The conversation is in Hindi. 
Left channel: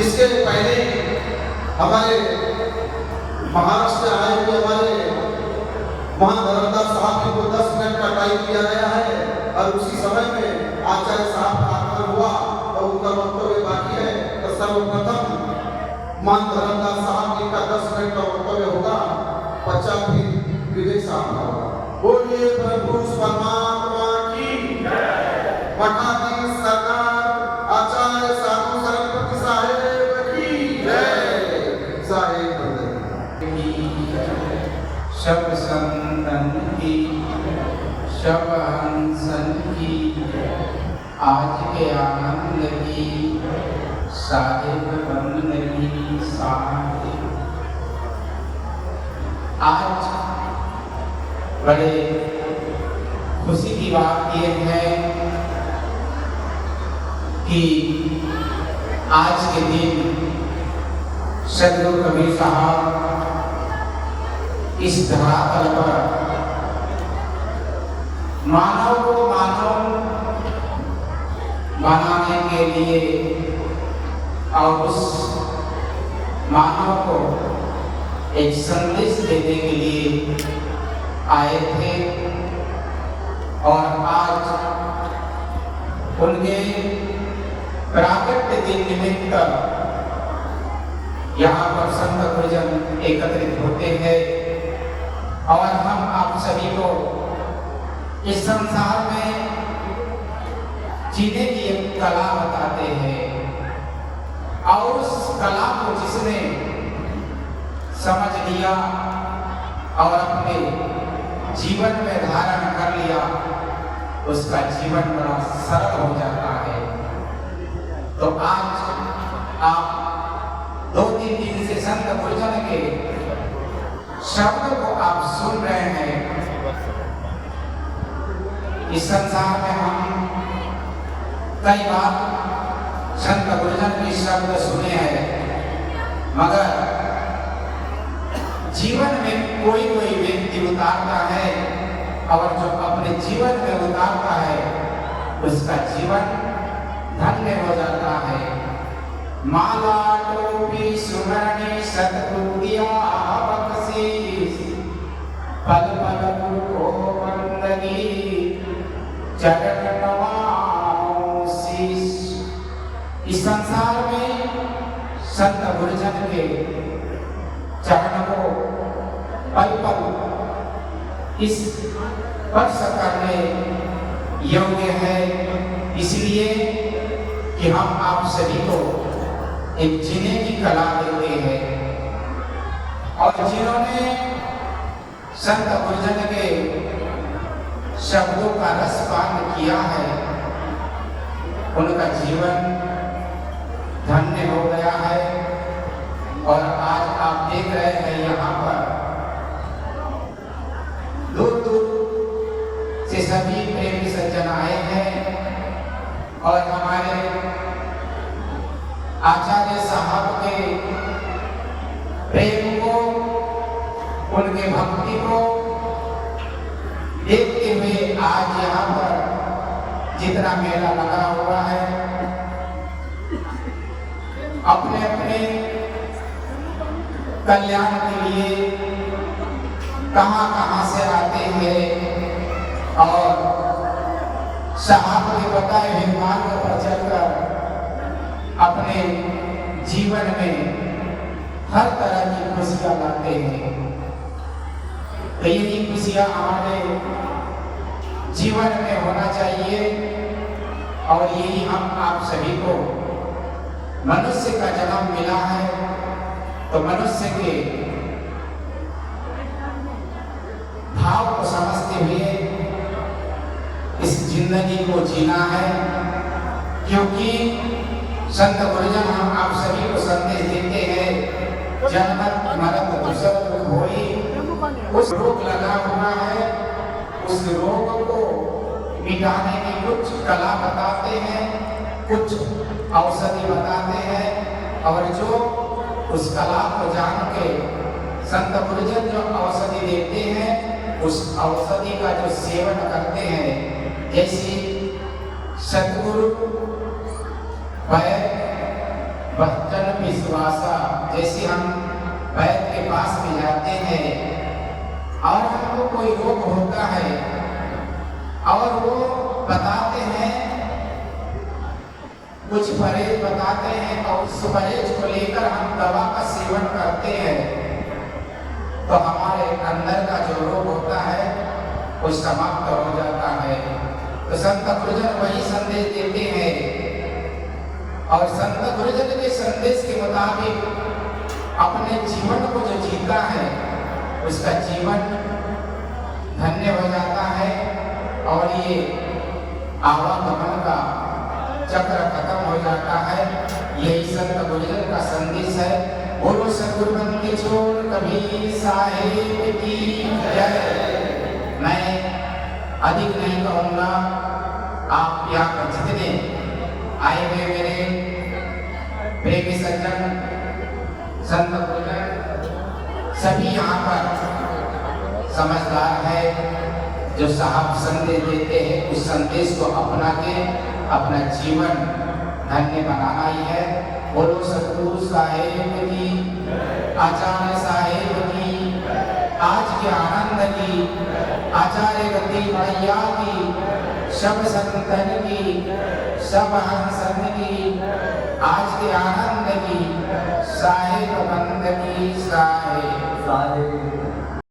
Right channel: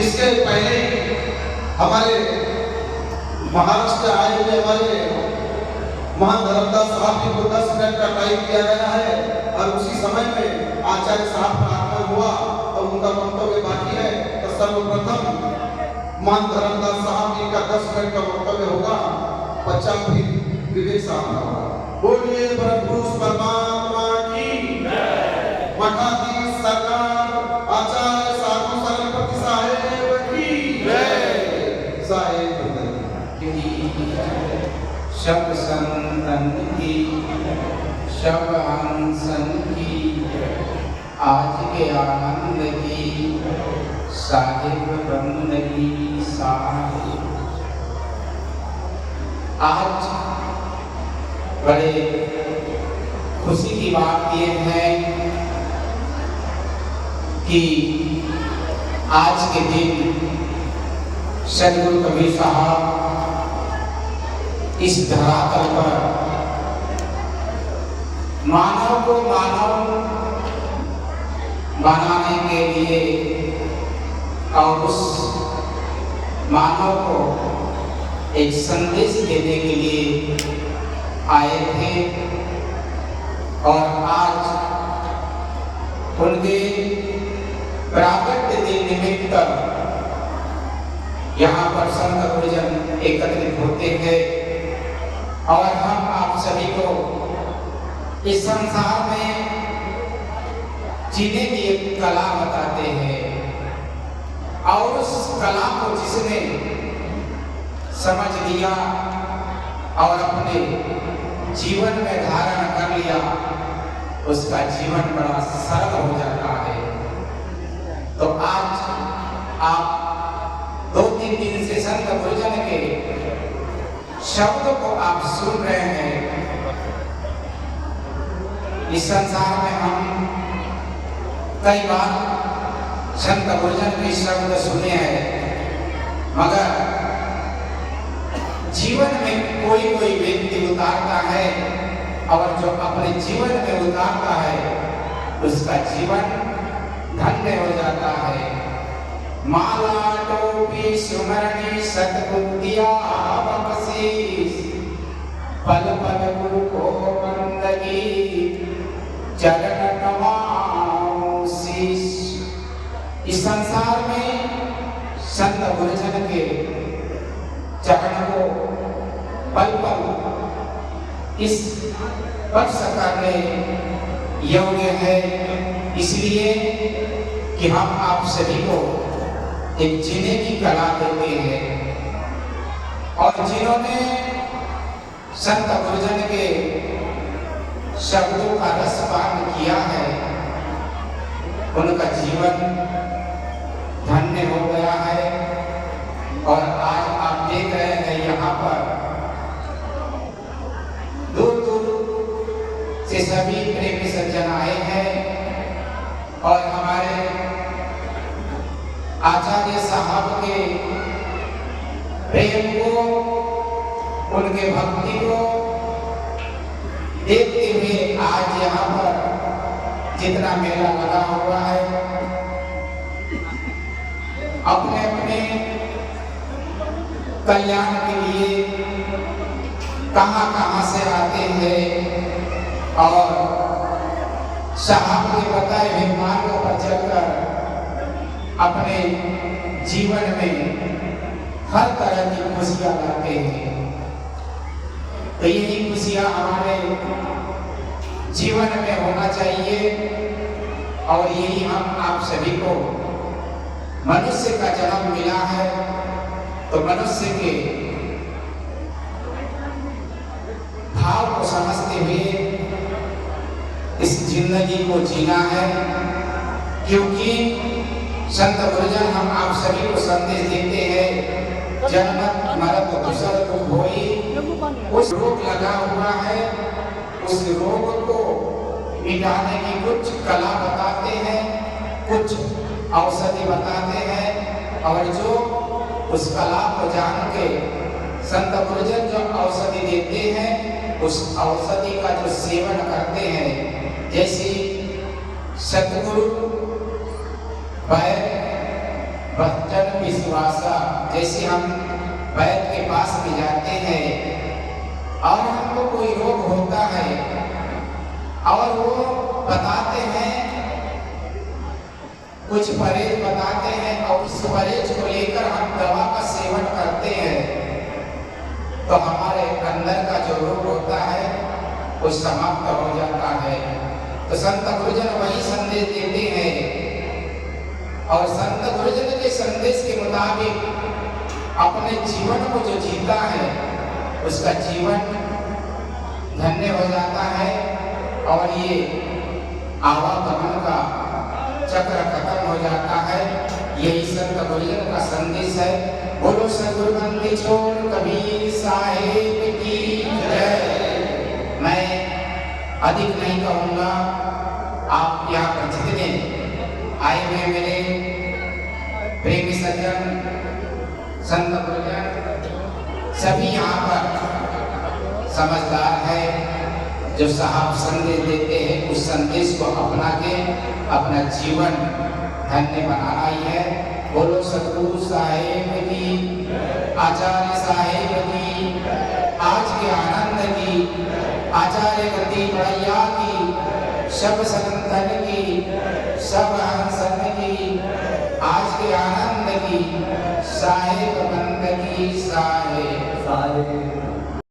इसके पहले हमारे महाराष्ट्र से आए हुए हमारे महान धर्मदास साहब को 10 मिनट का टाइम दिया गया है और उसी समय में आचार्य साहब का आगमन हुआ और उनका वक्तव्य बाकी है। तो सर्वप्रथम महान धर्मदास साहब जी का 10 मिनट का वक्तव्य होगा, बच्चा फिर विवेक साहब का होगा। बोलिए प्रभु परमात्मा की जय। मठाधीश सरकार आचार्य साधु सरस्वती साहेब की जय। साहेब सब संतन की, सब हंसन की, आज के आनंद की, साहिब बंदगी साहिब। आज बड़े खुशी की बात ये है कि आज के दिन सदगुरु कबीर साहब इस धरातल पर मानव को मानव बनाने के लिए और उस मानव को एक संदेश देने के लिए आए थे। और आज उनके प्राकट्य दिन निमित्त यहाँ पर संत गुरुजन एकत्रित होते हैं और हम आप सभी को इस संसार में जीने की एक कला बताते हैं। और उस कला को जिसने समझ लिया और अपने जीवन में धारण कर लिया, उसका जीवन बड़ा सरल हो जाता है। तो आज आप 2-3 दिन से संत गुरुजन के शब्द को आप सुन रहे हैं। इस संसार में हम कई बार संत गुरुजन के शब्द सुने हैं, मगर जीवन में कोई व्यक्ति उतारता है और जो अपने जीवन में उतारता है उसका जीवन धन्य हो जाता है। माला टोपी सुरनी सतबुद्धिया बख्शीश, पल पल गुरु को बंदगी चरण नवाऊं शीश। इस संसार में संत गुरुजन के चरण को पल पल इस स्पर्श करने योग्य है, इसलिए कि हम आप सभी को एक जीने की कला देते हैं। और जिन्होंने संत गुरुजन के शब्दों का रसपान किया है, उनका जीवन धन्य हो गया है। और आज आप देख रहे हैं यहाँ पर दूर दूर से सभी प्रेमी सज्जन आए हैं और हमारे आचार्य साहब के प्रेम को, उनके भक्ति को देखते हुए आज यहाँ पर जितना मेला लगा हुआ है, अपने अपने कल्याण के लिए कहां से आते हैं और साहब के बताए हुए मार्ग पर चलकर अपने जीवन में हर तरह की खुशियां लाते हैं। तो यही खुशियां हमारे जीवन में होना चाहिए और यही हम आप सभी को, मनुष्य का जन्म मिला है तो मनुष्य के भाव को समझते हुए इस जिंदगी को जीना है। क्योंकि संत गुरुजन हम आप सभी को संदेश देते हैं, जन्नत नरक दूसर को होई, उस रोग लगा हुआ है, उस रोग को मिटाने की कुछ कला बताते हैं, कुछ औषधि बताते हैं। और जो उस कला को जान के संत गुरुजन जो औषधि देते हैं, उस औषधि का जो सेवन करते हैं, जैसे सतगुरु भजन परिभाषा, जैसे हम वैद्य के पास में जाते हैं और हमको कोई रोग होता है और वो बताते हैं, कुछ परहेज बताते हैं और उस परहेज को लेकर हम दवा का सेवन करते हैं तो हमारे अंदर का जो रोग होता है वो समाप्त हो जाता है। तो संत गुरुजन वही संदेश देते हैं और संत गुरुजन के संदेश के मुताबिक अपने जीवन को जो जीता है उसका जीवन धन्य हो जाता है और ये आवागमन का चक्र खत्म हो जाता है। यही संत गुरुजन का संदेश है। बोलो सतगुरु बंदी छोड़ कबीर साहिब की जय। मैं अधिक नहीं कहूँगा, आप यहाँ पर जितने आए हुए मेरे प्रेमी सज्जन संत गुरुजन सभी यहाँ पर समझदार है, जो साहब संदेश देते हैं उस संदेश को अपना के अपना जीवन धन्य बनाना ही है। बोलो सतगुरु साहेब की, आचार्य साहेब की, आज के आनंद की, आचार्य गति भैया की, सब संतन की, सब हंसन की, आज के आनंद की, साहेब बंद की,